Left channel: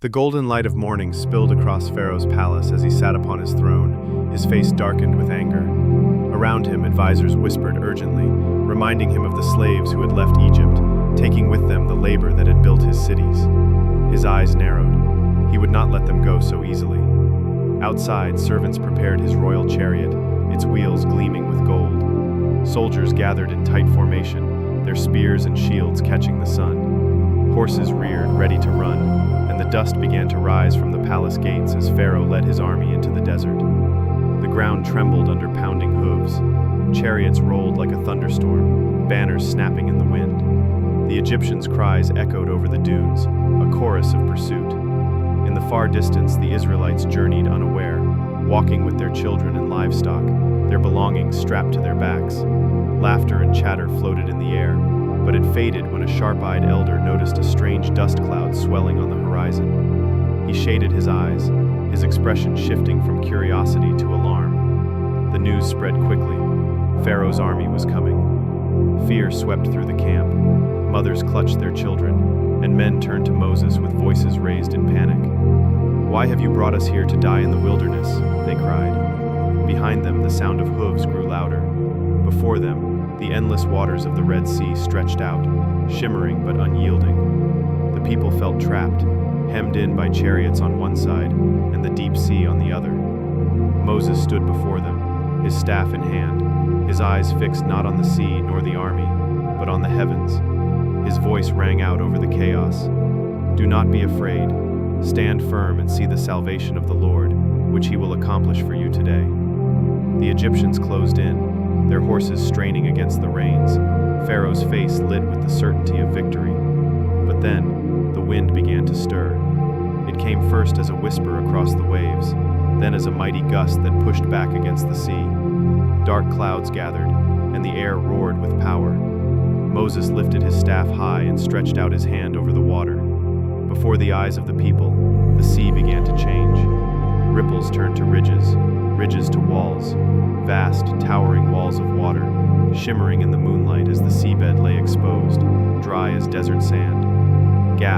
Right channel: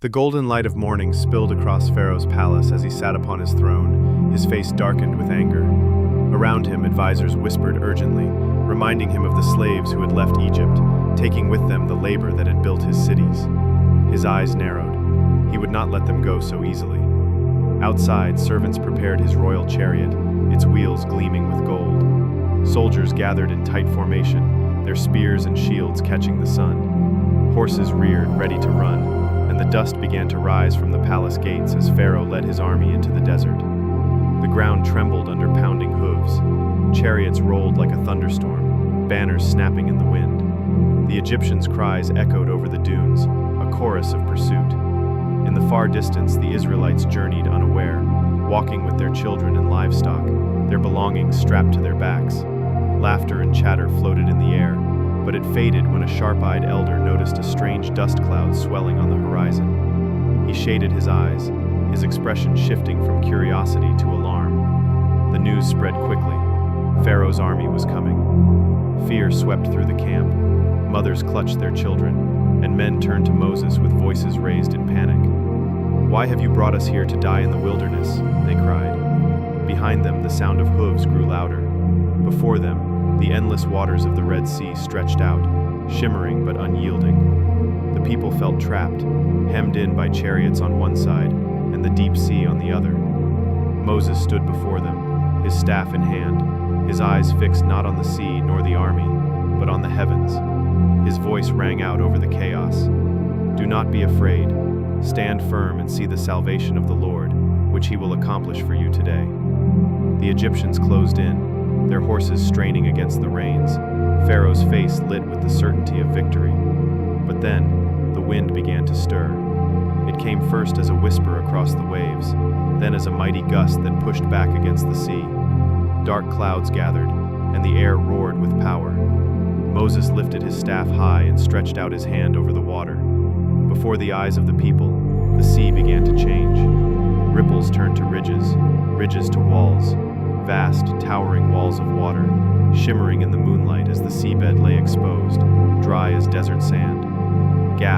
The golden light of morning spilled across Pharaoh's palace as he sat upon his throne, his face darkened with anger. Around him, advisors whispered urgently, reminding him of the slaves who had left Egypt, taking with them the labor that had built his cities. His eyes narrowed. He would not let them go so easily. Outside, servants prepared his royal chariot, its wheels gleaming with gold. Soldiers gathered in tight formation, their spears and shields catching the sun. Horses reared, ready to run, and the dust began to rise from the palace gates as Pharaoh led his army into the desert. The ground trembled under pounding hooves. Chariots rolled like a thunderstorm, banners snapping in the wind. The Egyptians' cries echoed over the dunes, a chorus of pursuit. In the far distance, the Israelites journeyed unaware, walking with their children and livestock, their belongings strapped to their backs. Laughter and chatter floated in the air, but it faded when a sharp-eyed elder noticed a strange dust cloud swelling on the horizon. He shaded his eyes, his expression shifting from curiosity to alarm. The news spread quickly. Pharaoh's army was coming. Fear swept through the camp. Mothers clutched their children, and men turned to Moses with voices raised in panic. "Why have you brought us here to die in the wilderness?" they cried. Behind them, the sound of hooves grew louder. Before them, the endless waters of the Red Sea stretched out, shimmering but unyielding. The people felt trapped, hemmed in by chariots on one side and the deep sea on the other. Moses stood before them, his staff in hand, his eyes fixed not on the sea nor the army, but on the heavens. His voice rang out over the chaos. "Do not be afraid. Stand firm and see the salvation of the Lord, which he will accomplish for you today." The Egyptians closed in, their horses straining against the reins, Pharaoh's face lit with the certainty of victory. But then, the wind began to stir. It came first as a whisper across the waves, then as a mighty gust that pushed back against the sea. Dark clouds gathered, and the air roared with power. Moses lifted his staff high and stretched out his hand over the water. Before the eyes of the people, the sea began to change. Ripples turned to ridges, ridges to walls, vast, towering walls of water, shimmering in the moonlight as the seabed lay exposed, dry as desert sand.